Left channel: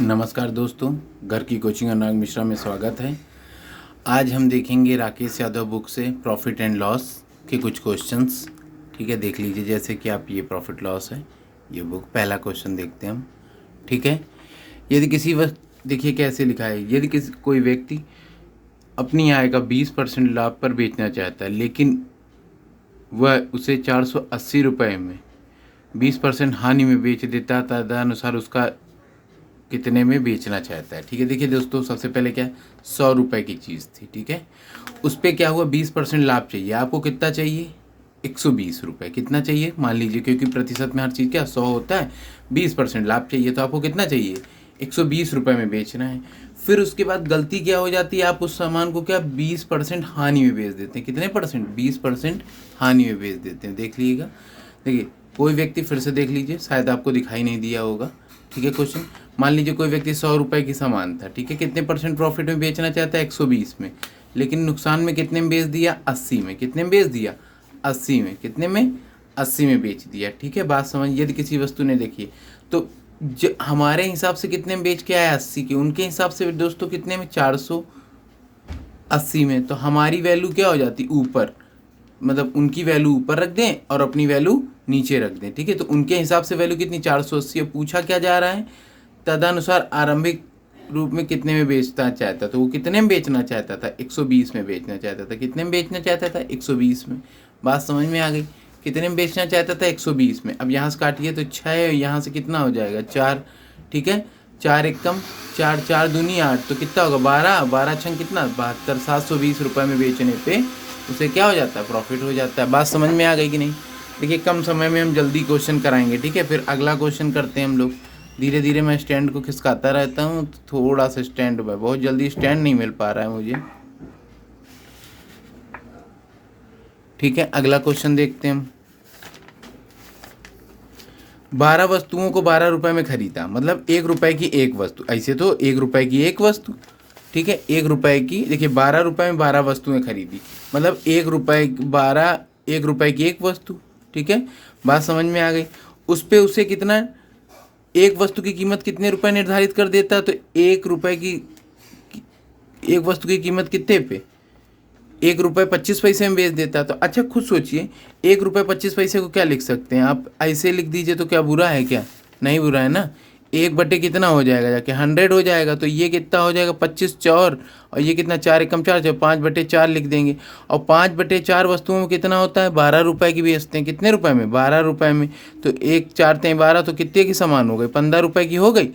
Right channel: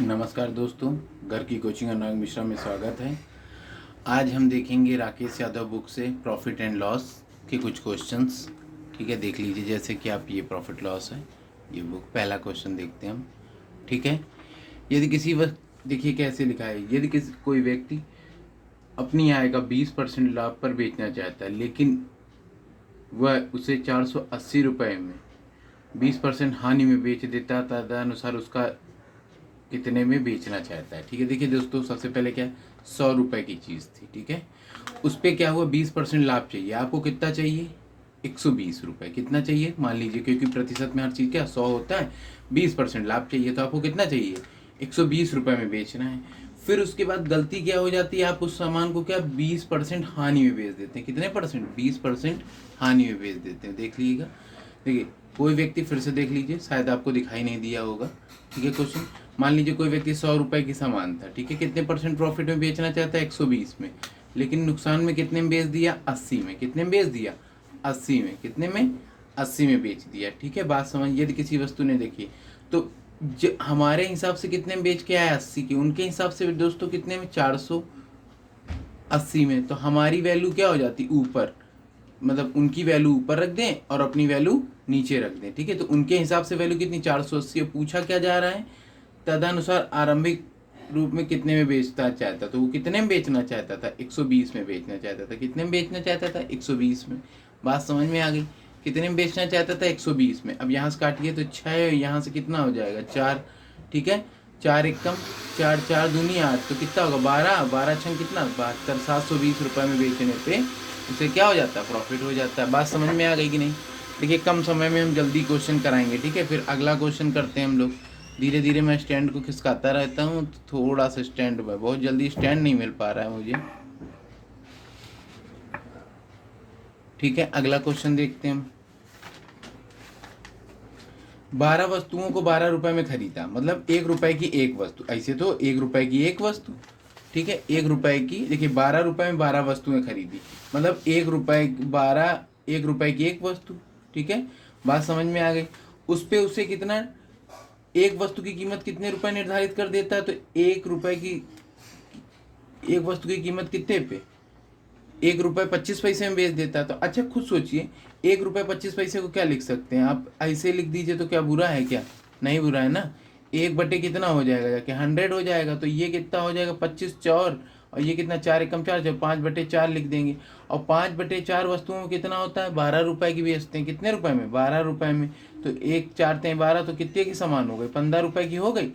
नमस्कार दोस्तों, घर की कोचिंग अनुराग मिश्रा में स्वागत है। आज हम देखेंगे राकेश यादव बुक से प्रॉफिट एंड लॉस के कुछ क्वेश्चंस। ठीक है, देख लीजिए। जैसे कि आप ये प्रॉफिट लॉस है, ये बुक। पहला क्वेश्चन देखते हैं हम। ठीक है, यदि किसी वक्त, देखिए कैसे लिखा है, यदि किसी कोई व्यक्ति अपनी आय का 20% लाभ पर बेचना चाहता है, लेकिन वह उसे 480 रुपये में 20% हानि में बेच देता, तदनुसार उसका कितने में बेचना चाहता है। ठीक है, देखिए दोस्तों, सबसे पहले क्या, 100 रुपये की चीज़ थी। ठीक है, उस पर क्या हुआ, 20% लाभ चाहिए। आपको कितना चाहिए, 120 रुपये। कितना चाहिए, मान लीजिए, क्योंकि प्रतिशत में हर चीज़ क्या 100 होता है, 20% लाभ चाहिए, तो आपको कितना चाहिए, 120 रुपये में बेचना है। फिर उसके बाद गलती क्या हो जाती है, आप उस सामान को क्या 20% हानि में बेच देते हैं। कितने परसेंट, 20% हानि में बेच देते हैं। देख लीजिएगा, देखिए कोई व्यक्ति, फिर से देख लीजिए, शायद आपको दिखाई नहीं दिया होगा। ठीक है, क्वेश्चन, मान लीजिए कोई व्यक्ति 100 रुपये की सामान था। ठीक है, कितने परसेंट प्रॉफिट में बेचना चाहता है, 120 में, लेकिन नुकसान में कितने में बेच दिया, 80 में। कितने में बेच दिया, 80 में। कितने में, 80 में बेच दिया। ठीक है, बात समझ। यदि किसी वस्तु ने, देखिए तो जो हमारे हिसाब से कितने में बेच के आया, 80 के, उनके हिसाब से दोस्तों कितने में, 480 में। तो हमारी वैल्यू क्या हो जाती, ऊपर, मतलब उनकी वैल्यू ऊपर रख दें और अपनी वैल्यू नीचे रख दें। ठीक है, तो उनके हिसाब से वैल्यू कितनी, 480। पूछा क्या जा रहा है, तदनुसार आरंभिक रूप में कितने में बेचना चाहता, तो वो कितने में बेचना चाहता था, 120 में बेचना चाहता था। कितने में बेचना चाहता था, 120 में। बात समझ में आ गई, कितने में बेचना चाहता था, 120 में। अब यहाँ से काटिए तो 6, यहाँ से कितना हो जाएगा, 4। ठीक है, 4 एकम 4, 4 दूनी 8, तो कितना होगा, 12, 12 छंग कितना, 72। 720 रुपये में बेचने पे उसे क्या हो जाता है, प्रॉफिट हो जाता है। बात समझ में आ गई कि नहीं। देखिए कम समय में हम जल्दी क्वेश्चन कराएंगे। ठीक है, फिर अगला क्वेश्चन करते हैं हम लोग। धीरे धीरे मैं स्टैंड को खिसकाता रहता हूँ, तो थोड़ा सा स्टैंड में, बहुत जल्दी स्टैंड नहीं मिल पा रहा है मुझे। ठीक है, अगला क्वेश्चन देखते हैं हम। 12 वस्तुओं को 12 रुपए में खरीदा, मतलब 1 रुपए की एक वस्तु। ऐसे तो 1 रुपए की एक वस्तु। ठीक है, 1 रुपए की, देखिए 12 रुपए में 12 वस्तुएं खरीदी, मतलब 1 रुपए 12, 1 रुपए की एक वस्तु। ठीक है, बात समझ में आ गई। उस पे उसे कितना, एक वस्तु की कीमत कितने रुपए निर्धारित कर देता, तो 1 रुपए की एक वस्तु की कीमत कितने पे, 1 रुपये 25 पैसे में बेच देता। तो अच्छा खुद सोचिए, 1 रुपये 25 पैसे को क्या लिख सकते हैं आप, ऐसे लिख दीजिए, तो क्या बुरा है, क्या नहीं बुरा है ना। 1 बटे कितना हो जाएगा, जाके 100 हो जाएगा। तो ये कितना हो जाएगा, 25 चौर, और ये कितना, 4 एकम 4, 5/4 लिख देंगे। और 5/4 वस्तुओं में कितना होता है, 12 रुपये की बेचते हैं। कितने रुपए में, 12 रुपये में। तो 1 4 3 12, तो कितने की सामान हो गई, 15 रुपये की हो गई।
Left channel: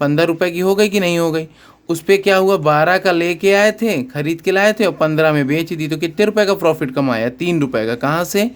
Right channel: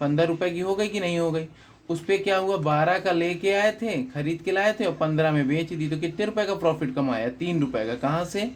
15 रुपये की हो गई कि नहीं हो गई। उस पर क्या हुआ, 12 का लेके आए थे, खरीद के लाए थे, और 15 में बेच दी। तो कितने रुपए का प्रॉफिट कमाया, 3 रुपये का। कहाँ से,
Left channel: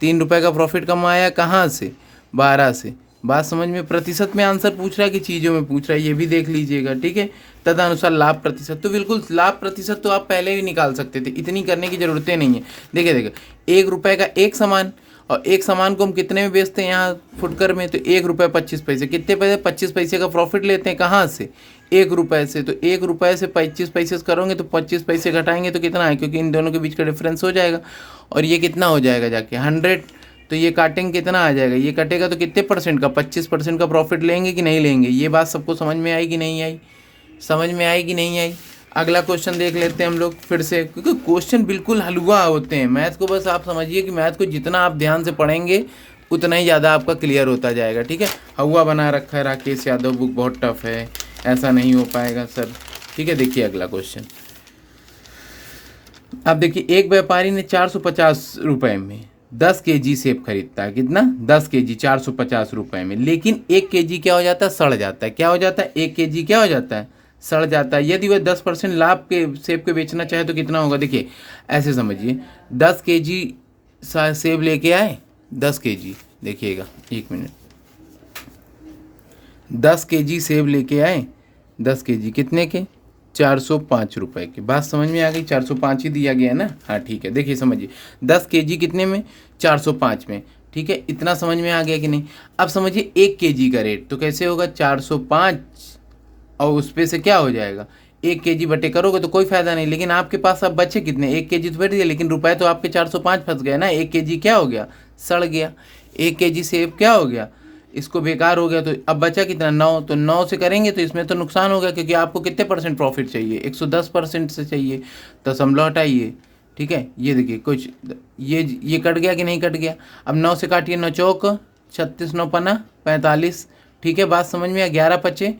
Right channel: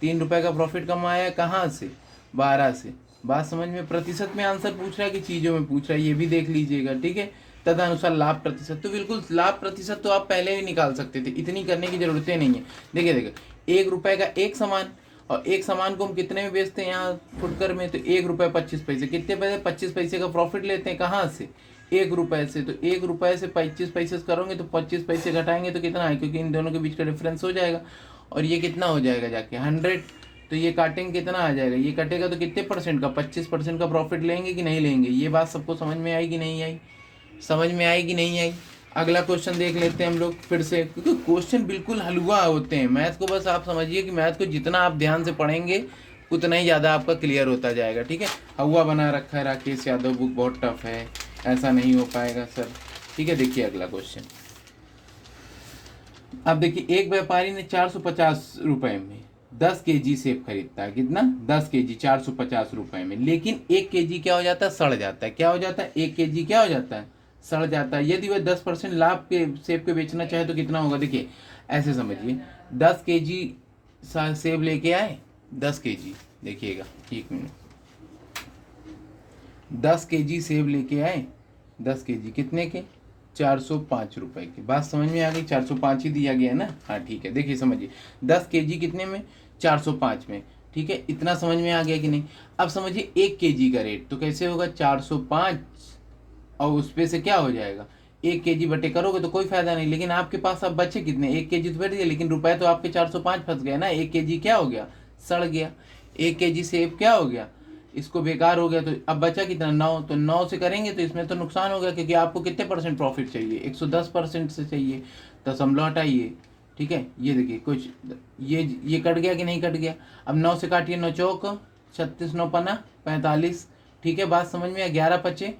3 रुपये का प्रॉफिट कमाया, कहाँ से, 12 से। बात समझ में। प्रतिशत में आंसर पूछ रहा है कि चीज़ों में पूछ रहा है, ये भी देख लीजिएगा। ठीक है, तदनुसार लाभ प्रतिशत, तो बिल्कुल लाभ प्रतिशत तो आप पहले भी निकाल सकते थे, इतनी करने की ज़रूरतें नहीं है। देखिए देखिए, 1 रुपये का एक सामान, और एक सामान को हम कितने में बेचते हैं यहाँ फुटकर में, तो 1 रुपये 25 पैसे। कितने पैसे, 25 पैसे का प्रॉफिट लेते हैं, कहाँ से, 1 रुपये से। तो 1 रुपये से 25 पैसे करोगे तो 25 पैसे घटाएंगे तो कितना है, क्योंकि इन दोनों के बीच का डिफरेंस हो जाएगा। और ये कितना हो जाएगा जाके, 100। तो ये काटेंगे, कितना आ जाएगा, ये कटेगा तो कितने परसेंट का, 25% का प्रॉफिट लेंगे कि नहीं लेंगे। ये बात सबको समझ में आई कि नहीं आई, समझ में आई कि नहीं आई। अगला क्वेश्चन देख लेते हैं हम लोग फिर से, क्योंकि क्वेश्चन बिल्कुल हलवा होते हैं। मैथ को बस आप समझिए कि मैथ को जितना आप ध्यान से पढ़ेंगे उतना ही ज़्यादा आपका क्लियर होता जाएगा। ठीक है, हवा बना रखा है राकेश यादव बुक, बहुत टफ है, ऐसा नहीं हो पाएगा सर। ठीक है, देखिए अगला क्वेश्चन। अब देखिए, एक व्यापारी ने 450 रुपये में 10 केजी सेब खरीदता है। कितना, 10 केजी 450 रुपये में, लेकिन 1 केजी क्या हो जाता है, सड़ जाता है। क्या हो जाता है, 1 केजी क्या हो जाता है, सड़ जाता है। यदि वह 10% लाभ के सेब के बेचना चाहे तो कितना होगा। देखिए ऐसे समझिए, 10 केजी सेब लेके आए, 10 केजी, देखिएगा 1 मिनट, 10 केजी सेब लेके आए, 10 केजी कितने के, 405 रुपये की। बात समझ में आ गई, 405 ही दिया गया है ना। हाँ ठीक है, देखिए समझिए, 10 केजी कितने में, 405 में। ठीक है, इतना समझ में आ गया कि नहीं। अब समझिए 1 केजी का रेट, तो कैसे होगा, 405 और उस पे से क्या हो जाएगा, 1 केजी बटे करोगे तो कोई फायदा नहीं। लेकिन आपके पास अब बचे कितने, 1 केजी तो बैठ गया, लेकिन रुपए तो आपके 405 फंस गए ना। 1 केजी क्या हो गया, सड़ गया। 1 केजी सेब क्या हो गया, इसको बेकार हो गया, तो अब बचा कितना 9, तो 9 से करेंगे तो इसमें तो नुकसान हो गया, क्योंकि आपको कितने परसेंट प्रॉफिट चाहिए, 110% से चाहिए, दशमलव हटाइए। ठीक है, ये देखिए कुछ ये कट गया कि नहीं कट गया। अब 9 से काटिए, 9 चौक 36, 9 पना 45। ठीक है, बात समझ में आया। 11 पचे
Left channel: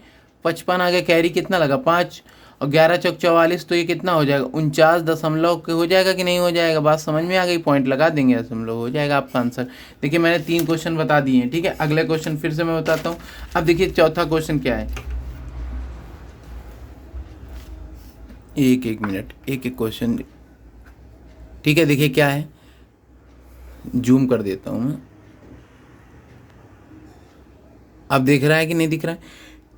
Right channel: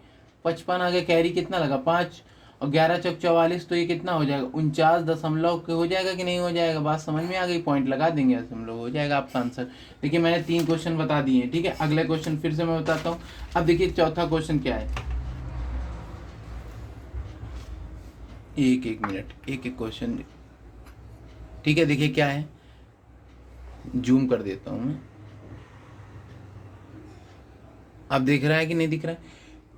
55 आ गया, कैरी कितना लगा 5, और 11 चौक 44, तो ये कितना हो जाएगा 49 हो जाएगा कि नहीं हो जाएगा। बात समझ में आ गई, पॉइंट लगा देंगे, दशमलव हो जाएगा आपका आंसर। देखिए मैंने 3 क्वेश्चन बता दिए हैं। ठीक है, अगले क्वेश्चन फिर से मैं बताता हूँ। अब देखिए चौथा क्वेश्चन क्या है, एक मिनट, एक क्वेश्चन। ठीक है, देखिए क्या है, जूम कर देता हूँ मैं। अब दिख रहा है कि नहीं दिख रहा है।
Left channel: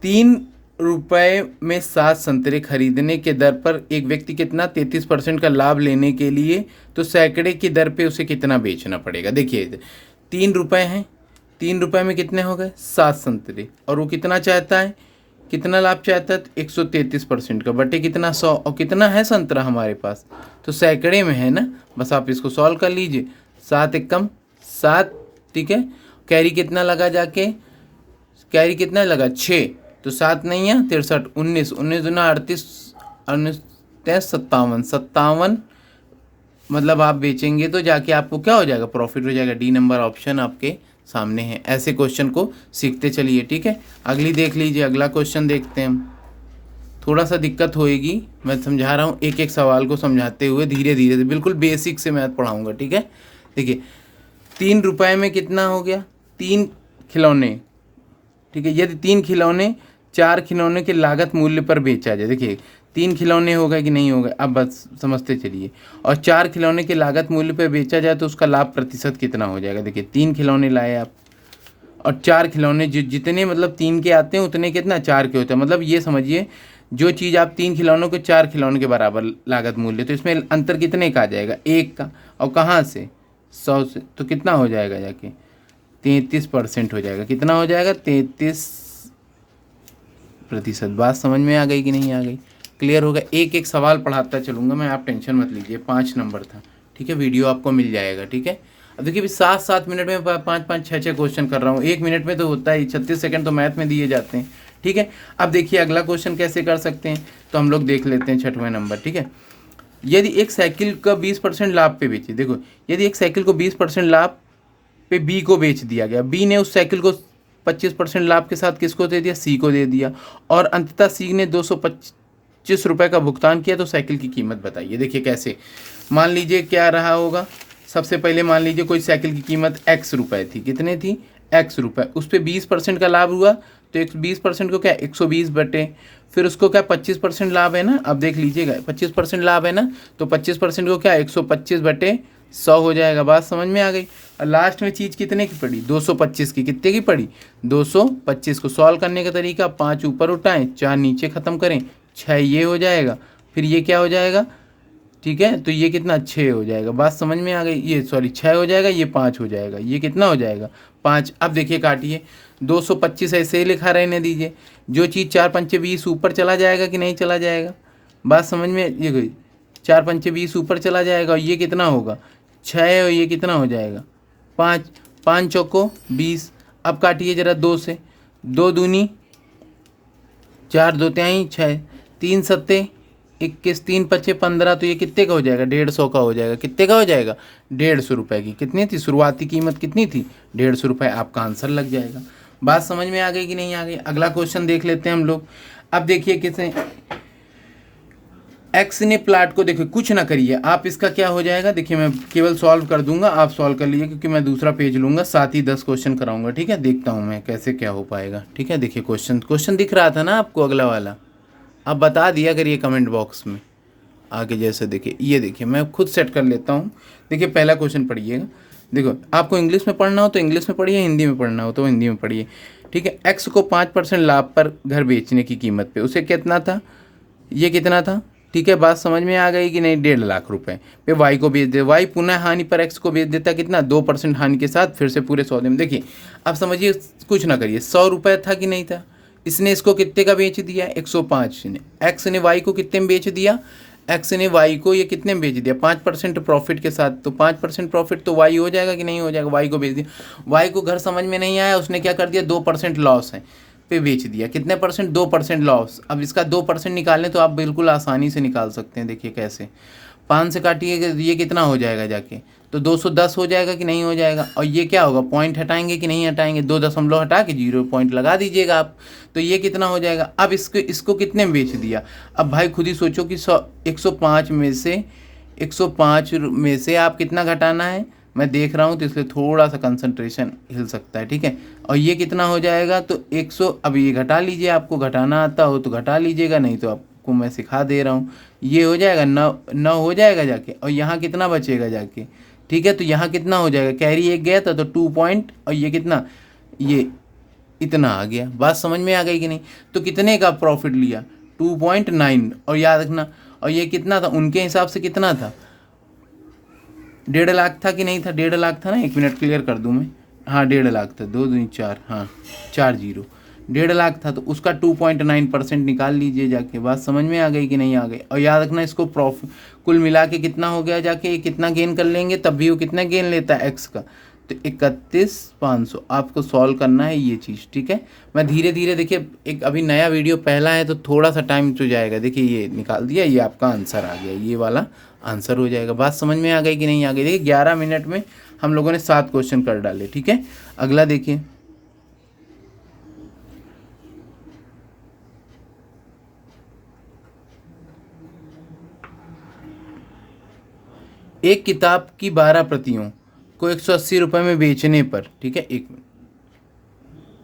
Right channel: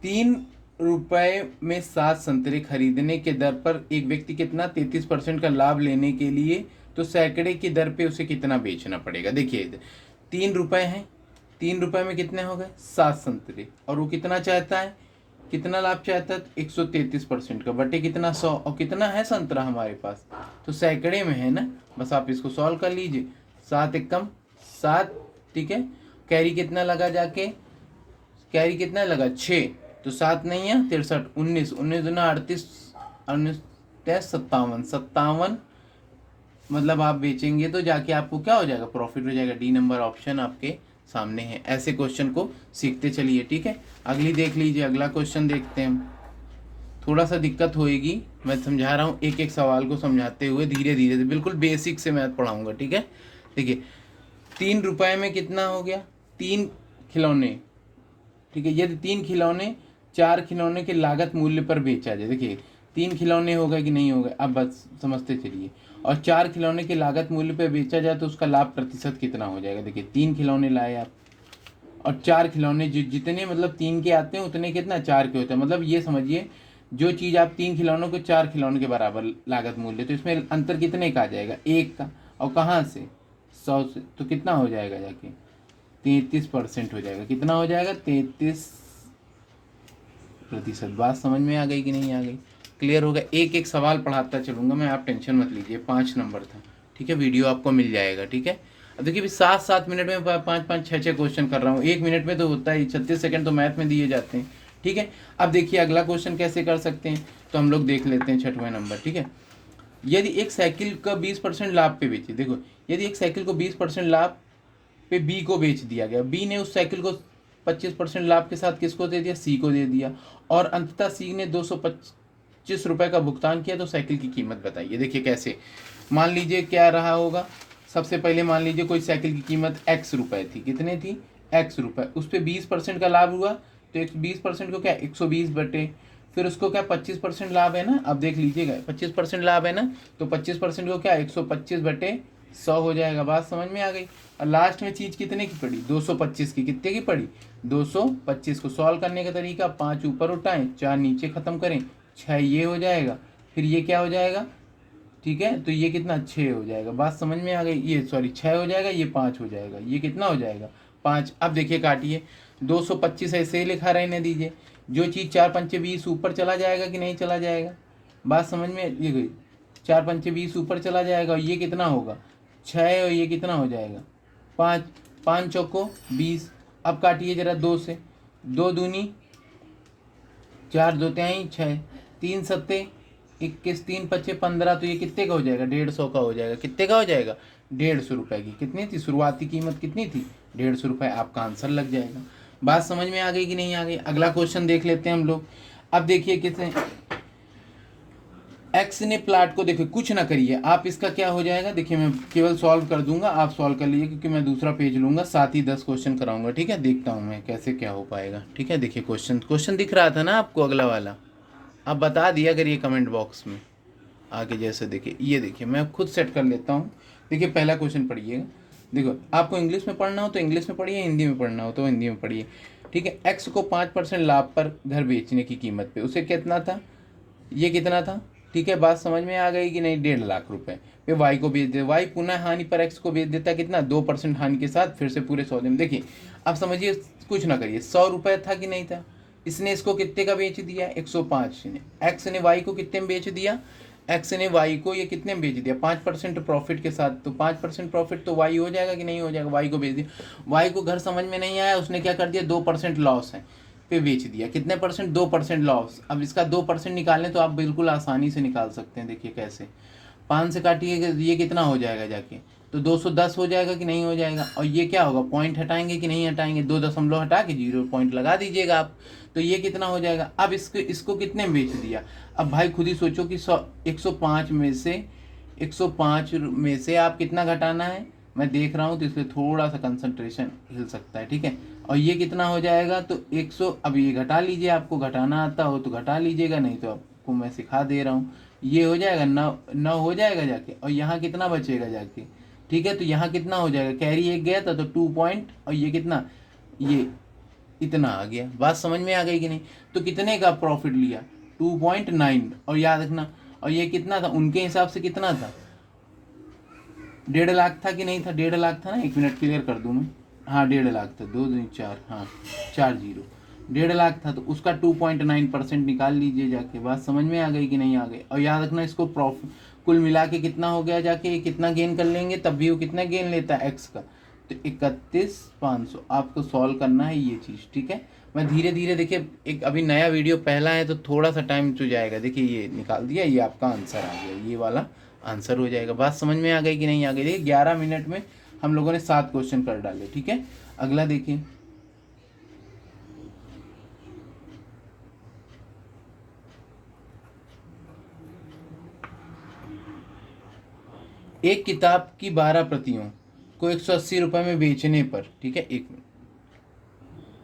3 रुपए में 7 संतरे खरीदने के दर पर एक व्यक्ति कितना 33% का लाभ लेने के लिए तो सैकड़े की दर पे उसे कितना बेचना पड़ेगा। देखिए 3 रुपए हैं, 3 रुपए में कितने हो गए 7 संतरे, और वो कितना चाहता है, कितना लाभ चाहता है 133% का, बटे कितना 100, और कितना है संतरा हमारे पास, तो सैकड़े में है ना। बस आप इसको सॉल्व कर लीजिए। 7 एकम 7। ठीक है, कैरी कितना लगा जाके, कैरी कितना लगा 6, तो 7 नहीं है 63, 19, 19 दूना 38, 19 57, 57 मतलब आप बेचेंगे तो जाके आपको क्या हो जाएगा, प्रॉफिट हो जाएगा। डी नंबर ऑप्शन आपके सामने है। ऐसे क्वेश्चन को सीखते चलिए। ठीक है, अगली देख लीजिए, अगला क्वेश्चन देखते हैं हम। थोड़ा सा दिक्कत होएगी, मैं समझा रहा हूँ, एक एक सवाल को समझाते हुए धीरे धीरे से, बिल्कुल बेसिक से मैथ पढ़ाऊँगा। ठीक है, देखिए 3 रुपए में कितना हो गया, 3 खिलौने। ठीक है, यदि 3 खिलौने 4 खिलौने के लागत मूल्य पर बेचा जाए। देखिए 3 खिलौने हो गए कि नहीं हो गए, अब बस समझते चलिए, और 4 खिलौने के लागत मूल्य पर बेचा जाए तो उसका लाभ प्रतिशत कितना हो जाएगा। देखिए 3 खिलौने लाए आप, और 4 खिलौने, जितने मतलब 3 के आते हैं उतने कितना 4 के होते हैं। मतलब ये समझिए, जो चीज़ आप 3 खिलौनों के 4 खिलौनों के बराबर लागत मूल्य, तो इसमें अंतर कितने का आ जाएगा, 1 का, और कहाँ से 100 से, तो कितना हो जाएगा जाके 33% हो जाएगा। कितना हो जाएगा 33%। बात समझ में आ गई कि नहीं आ गई, क्लियर होगा। एक एक सवाल पढ़ाता चलूँगा मैं, आप टेंशन मत लीजिए। 5 नंबर था। ठीक है, वीडियो आपको मिल जाएगा। ठीक है, अब देखिए 7-7 मिनट में 5-5 6-6 क्वेश्चन कर रहा हूँ, 1 मिनट में तो होता ही, 36 सेकंड तो मैथ में दिए जाते हैं। ठीक है, अब देखिए अगला क्वेश्चन कैसे कर सकते हैं, तो हम लोग देख लेते हैं 6वां नंबर। ठीक है, यदि एक साइकिल का 20% लाभ पे बेचे, देखो यदि एक साइकिल को 20% लाभ पे बी को बेच दिया गया, बी ने उस साइकिल को 25% लाभ के साथ किसको दे दिया, सी को दे दिया, और अंततः सी ने 225 रुपये का भुगतान किया, तो साइकिल की कीमत बताइए। देखिए कैसे, मान लीजिए क्या रहा होगा, सबसे पहले मान लीजिए कोई साइकिल की कीमत x रुपये थी, कितने थी x रुपये, उस पर 20% का लाभ हुआ, तो 20% को क्या 120 बटे, फिर उसको क्या 25% लाभ है ना, अब देख लीजिएगा 25% लाभ है ना, तो 25% को क्या 125 बटे 100 हो जाएगा। बात समझ में आ गई। और लास्ट में चीज़ कितने की पड़ी 225 की, कितने की पड़ी 225। को सॉल्व करने का तरीका, 5 ऊपर उठाएं 4 नीचे ख़त्म करें, 6 ये हो जाएगा, फिर ये क्या हो जाएगा, ठीक है, तो ये कितना 6 हो जाएगा। बात समझ में आ गई, ये सॉरी 6 हो जाएगा, ये 5 हो जाएगा, ये कितना हो जाएगा 5। अब देखिए काटिए, 225 ऐसे ही लिखा रहने दीजिए, जो चीज़ 4 पंचे 20 ऊपर चला जाएगा कि नहीं चला जाएगा। बात समझ में ये गई, 4 पंचे 20 ऊपर चला जाएगा, और ये कितना होगा 6, और ये कितना हो जाएगा 5, 5 चौको 20। अब काटिए ज़रा 2 से, 2 दूनी 4, 2 तिहाई 6, 3 सत्ते 21, 3 पचे 15, तो ये कितने का हो जाएगा 150 का हो जाएगा। कितने का हो जाएगा 150 रुपये की। कितनी थी शुरुआती कीमत, कितनी थी 150 रुपये, आपका आंसर लग जाएगा। बात समझ में आ गई कि नहीं आ गई। अगला क्वेश्चन देख लेते हैं हम लोग। अब देखिए किसे एक्स ने प्लाट को, देखिए कुछ ना करिए आप, इसका क्या हो जाएगा, देखिए मैं केवल सॉल्व कर दूंगा, आप सॉल्व कर लीजिए, क्योंकि मैं दूसरा पेज लूंगा, साथ ही 10 क्वेश्चन कराऊंगा। ठीक है, देखता हूँ मैं कैसे क्या हो पाएगा। ठीक है, देखिए क्वेश्चन दिख रहा था ना आपको, अगला वाला आप बता दिया करिए कमेंट बॉक्स में आगे। जैसे देखिए, ये देखिए मैं खुद सेट कर लेता हूँ। देखिए पहला क्वेश्चन पढ़िएगा, देखो आपको इंग्लिश में पढ़ना हो तो इंग्लिश में पढ़िए, हिंदी में पढ़ना हो तो हिंदी में पढ़िए। ठीक है, एक्स को 5% लाभ पर घर बेचने की कीमत पे उसे कितना था, ये कितना था। ठीक है, बात समझ में आ गई कि नहीं, 1.5 लाख रुपए पे वाई को बेच दे, वाई पुनः हानि पर एक्स को बेच देता, कितना 2% हानि के साथ, फिर से पूरे सौदे में। देखिए अब समझिए, कुछ ना करिए, 100 रुपये था कि नहीं था, इसने इसको कितने का बेच दिया 105 ने, एक्स ने वाई को कितने में बेच दिया, एक्स ने वाई को ये कितने में बेच दिया, 5% प्रॉफिट के साथ, तो 5% प्रॉफिट तो वाई हो जाएगा कि नहीं हो जाएगा, वाई को बेच दिया। वाई को घर समझ में नहीं आया, उसने क्या कर दिया, 2% लॉस है पे बेच दिया। कितने परसेंट, 2% लॉस। अब इसका 2% निकालें तो आप बिल्कुल आसानी से निकाल सकते हैं। देखिए कैसे, 5 से काटिए ये कितना हो जाएगा जाके, तो 210 हो जाएगा कि नहीं हो जाएगा। और ये क्या होगा, पॉइंट हटाएंगे कि नहीं हटाएंगे, 2 दशमलव हटा के 0 पॉइंट लगा दीजिएगा आप, तो ये कितना हो जाएगा। अब इसको कितने में बेच दिया। अब भाई खुद ही सोचो कि 105 में से 105 में से आप कितना घटाना है, मैं देख रहा हूँ तो इसलिए थोड़ा सा कंसंट्रेशन हिल सकता है, ठीक है। और ये कितना हो जाएगा, तो 100, अब ये घटा लीजिए, आपको घटाना आता हो तो घटा लीजिएगा, नहीं तो आपको मैं सिखा दे रहा हूँ। ये हो जाएगा 9 हो जाएगा जाके, और यहाँ कितना बचेगा जाके, ठीक है। तो यहाँ कितना हो जाएगा, कैरी एक गया था तो 2 पॉइंट, और ये कितना, ये इतना आ गया। बात समझ में आ गई कि नहीं। तो कितने का प्रॉफिट लिया, 2.9। और याद रखना, और ये कितना था उनके हिसाब से, कितना था, 1.5 लाख था कि नहीं था, 1.5 लाख था ना, 1 मिनट क्लियर कर दूं मैं, हाँ 1.5 लाख था, 2 2 4, हाँ 4 0, 1.5 लाख था, तो उसका 2.9% निकाल लीजिए जाके। बात समझ में आ गई कि नहीं आ गई। और याद रखना इसको प्रॉफिट कुल मिला के कितना हो गया जाके, ये कितना गेन कर लेंगे, तब भी वो कितना गेन लेता है एक्स का, तो 31,500। आपको सॉल्व करना है ये चीज़, ठीक है। मैं धीरे धीरे, देखिए एक अभी नया वीडियो पहला है तो थोड़ा सा टाइम तो जाएगा। देखिए ये निकाल दिया, ये आपका आंसर आ गया, ये वाला आंसर हो जाएगा। बात समझ में आ गई कि नहीं आ गई। देखिए 11 मिनट में हम लोगों ने 7 क्वेश्चन कर डाले, ठीक है। अगला देखिए, एक किताब की 12 प्रतियों को 180 रुपये में बेचने पर, ठीक है, एक मिनट,